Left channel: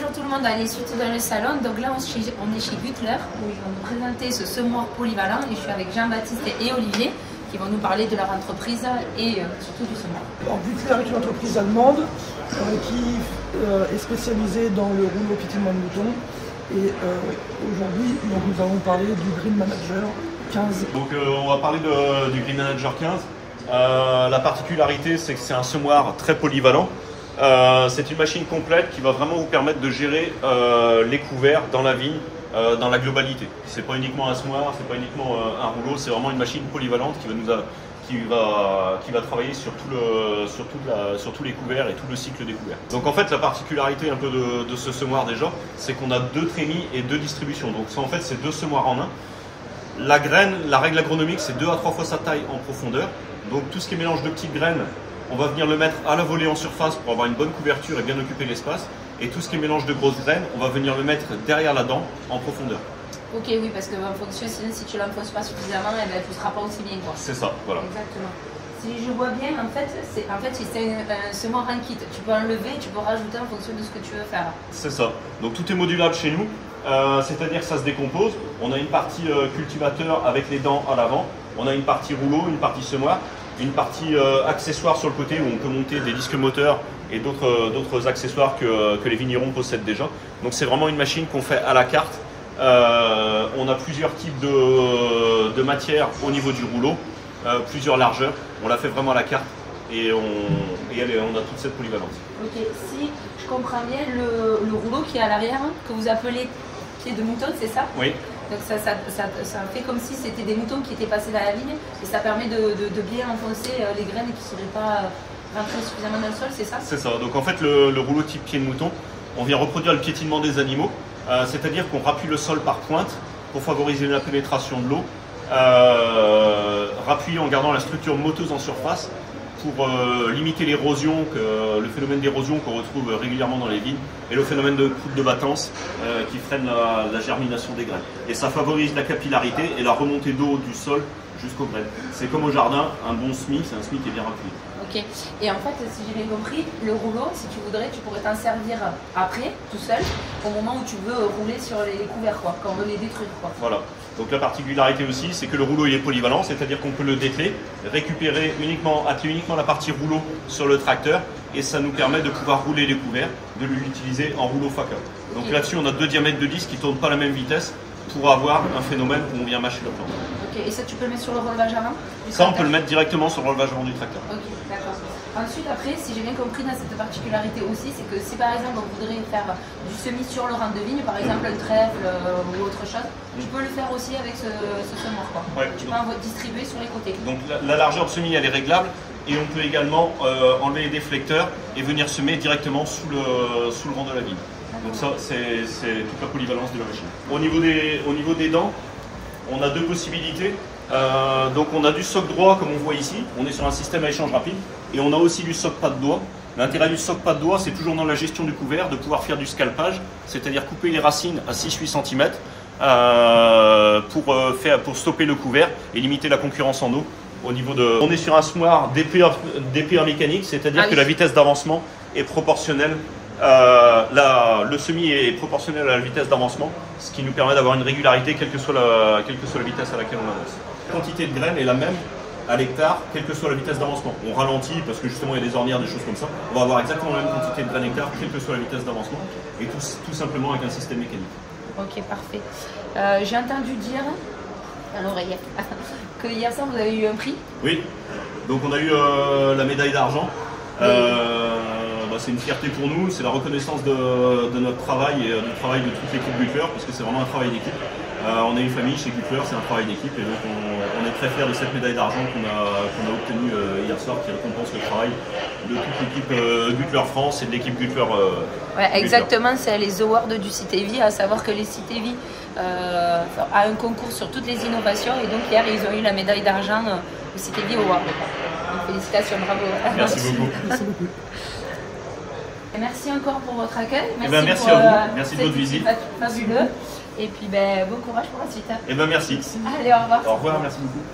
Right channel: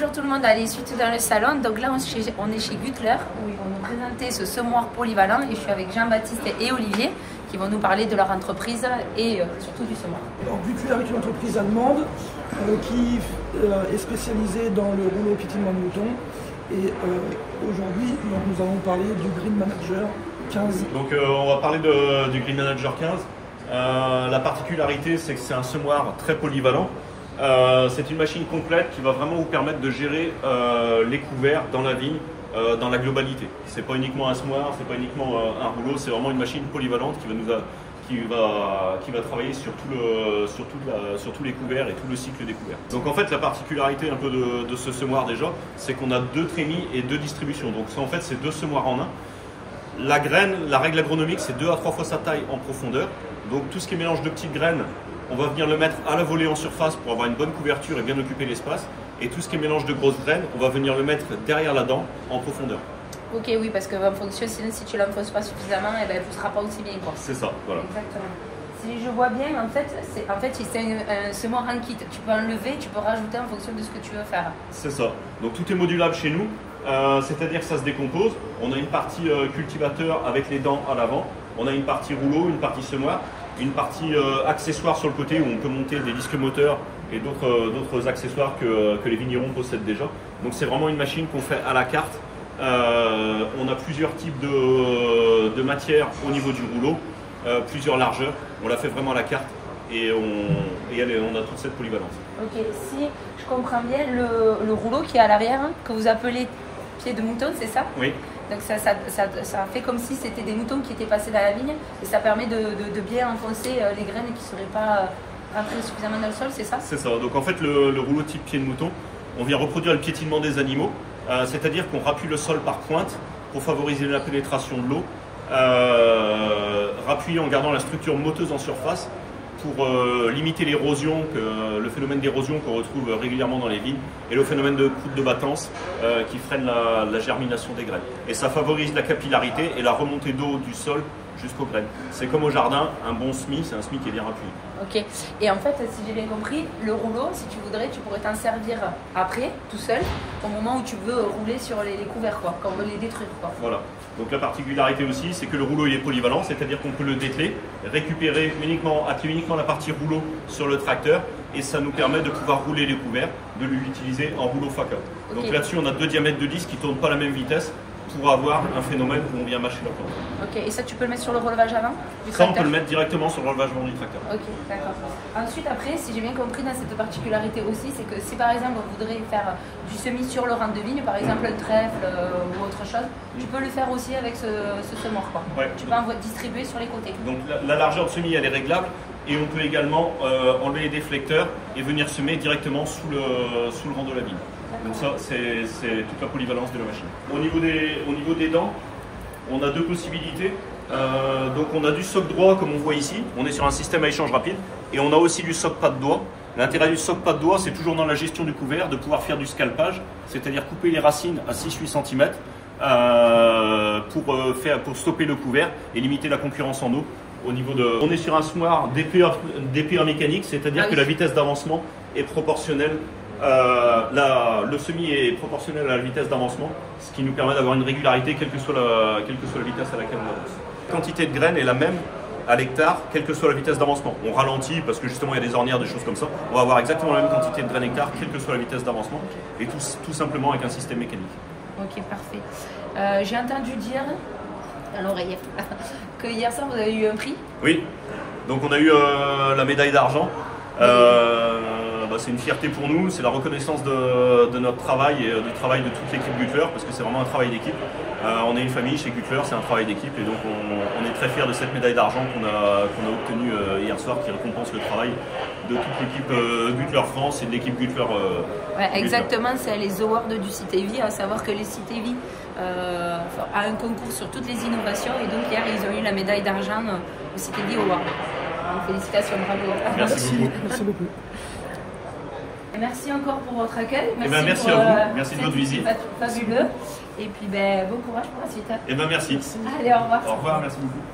bonjour tout le monde, à l'issue dans le salon. Donc là, on est chez Güttler, où ils vont nous présenter ce semoir polyvalent. Et je suis avec Jean-Baptiste et Olivier, qui vont nous parler de leur entreprise et surtout du semoir. Alors, Güttler est une entreprise allemande qui est spécialisée dans le rouleau piétinement de mouton. Et aujourd'hui, nous allons parler du Green Manager 15. Donc on va parler du Green Manager 15. La particularité, c'est que c'est un semoir très polyvalent. C'est une machine complète qui va vraiment vous permettre de gérer les couverts dans la vigne, dans la globalité. C'est pas uniquement un semoir, c'est pas uniquement un rouleau, c'est vraiment une machine polyvalente qui va travailler sur tous les couverts et tout le cycle des couverts. Donc en fait, la particularité un peu de ce semoir déjà, c'est qu'on a 2 trémies et 2 distributions. Donc ça, en fait, c'est 2 semoirs en un. La graine, la règle agronomique, c'est 2 à 3 fois sa taille en profondeur. Donc tout ce qui est mélange de petites graines, on va venir le mettre à la volée en surface pour avoir une bonne couverture et bien occuper l'espace. Et tout ce qui est mélange de grosses graines, on va venir le mettre derrière la dent en profondeur. Ok, oui, parce que en fonction, si tu ne l'enfonces pas suffisamment, eh ben, elle ne poussera pas aussi bien. C'est ça, voilà. Exactement. Si je vois bien, en fait, c'est un semoir en kit. Tu peux enlever, tu peux rajouter en fonction de ce que tu veux faire. C'est ça. Donc tout est modulable chez nous, c'est-à-dire que ça se décompose. On a une partie cultivateur avec les dents à l'avant. On a une partie rouleau, une partie semoir, une partie accessoire sur le côté où on peut monter des disques moteurs et d'autres accessoires que les vignerons possèdent déjà. Donc c'est vraiment une machine qu'on fait à la carte. On a plusieurs types de matières au niveau du rouleau, plusieurs largeurs. On la fait vraiment à la carte et on a toute cette polyvalence. Ok, si je comprends bien, le rouleau qui est à l'arrière, que vous appelez pied de mouton, c'est ça? Oui. Donc ça fait comme si c'était des moutons qui étaient passés dans la vigne et ça permet de bien enfoncer les graines qui ne seraient pas rentrées suffisamment dans le sol, c'est ça? C'est ça. Donc en fait, le rouleau type pied de mouton, on vient reproduire le piétinement des animaux, c'est-à-dire qu'on rappuie le sol par pointe pour favoriser la pénétration de l'eau, rappuyer en gardant la structure moteuse en surface pour limiter l'érosion, le phénomène d'érosion qu'on retrouve régulièrement dans les vignes et le phénomène de coupe de battance qui freine la germination des graines. Et ça favorise la capillarité et la remontée d'eau du sol jusqu'aux graines. C'est comme au jardin, un bon semis, c'est un semis qui est bien rappuyé. Ok, et en fait, si j'ai bien compris, le rouleau, si tu voudrais, tu pourrais t'en servir après, tout seul, au moment où tu veux rouler sur les couverts, quoi, quand on veut les détruire, quoi. Voilà. Donc la particularité aussi, c'est que le rouleau il est polyvalent, c'est-à-dire qu'on peut le dételer, récupérer atteler uniquement la partie rouleau sur le tracteur, et ça nous permet de pouvoir rouler les couverts, de l'utiliser en rouleau faca. Donc okay. Là-dessus, on a 2 diamètres de disques qui ne tournent pas à la même vitesse pour avoir un phénomène où on vient mâcher la plante. Ok, et ça tu peux le mettre sur le relevage avant? Ça, on peut le mettre directement sur le relevage avant du tracteur. Ok, d'accord. Ensuite, après, si j'ai bien compris dans cette particularité aussi, c'est que si par exemple on voudrait faire du semis sur le rang de vigne, par exemple un trèfle ou autre chose, tu peux le faire aussi avec ce semoir, quoi. Ouais, tu peux distribuer sur les côtés. Donc la largeur de semis, elle est réglable et on peut également enlever les déflecteurs et venir semer directement sous le rang de la vigne. Donc ça, c'est toute la polyvalence de la machine. Au niveau des dents, on a 2 possibilités. Donc on a du soc droit comme on voit ici, on est sur un système à échange rapide, et on a aussi du soc pas de doigt. L'intérêt du soc pas de doigt, c'est toujours dans la gestion du couvert de pouvoir faire du scalpage, c'est-à-dire couper les racines à 6-8 cm pour stopper le couvert et limiter la concurrence en eau. On est sur un semoir DPA mécanique, c'est-à-dire que la vitesse d'avancement est proportionnelle. Le semis est proportionnel à la vitesse d'avancement, ce qui nous permet d'avoir une régularité quelle que soit la vitesse à laquelle on avance. La quantité de graines est la même à l'hectare, quelle que soit la vitesse d'avancement. On ralentit parce que justement il y a des ornières, des choses comme ça. On va avoir exactement la même quantité de graines hectare, quelle que soit la vitesse d'avancement, et tout simplement avec un système mécanique. Ok, parfait. J'ai entendu dire à l'oreille que hier soir vous avez eu un prix. Oui, donc on a eu la médaille d'argent. C'est une fierté pour nous, c'est la reconnaissance de notre travail et du travail de toute l'équipe Güttler, parce que c'est vraiment un travail d'équipe. On est une famille chez Güttler, c'est un travail d'équipe, et donc on est très fiers de cette médaille d'argent qu'on a obtenue hier soir, qui récompense le travail de toute l'équipe Güttler France et de l'équipe Güttler. Ouais, exactement, c'est les awards du CITEVI, à savoir que les CITEVI a un concours sur toutes les innovations, et donc hier ils ont eu la médaille d'argent au CITEVI Award. Donc félicitations, bravo. Merci beaucoup. Merci beaucoup. Merci encore pour votre accueil. Merci à vous. Merci de votre visite. Fabuleux. Et puis bon courage pour la suite. Merci. Allez, au revoir. Au revoir, merci beaucoup.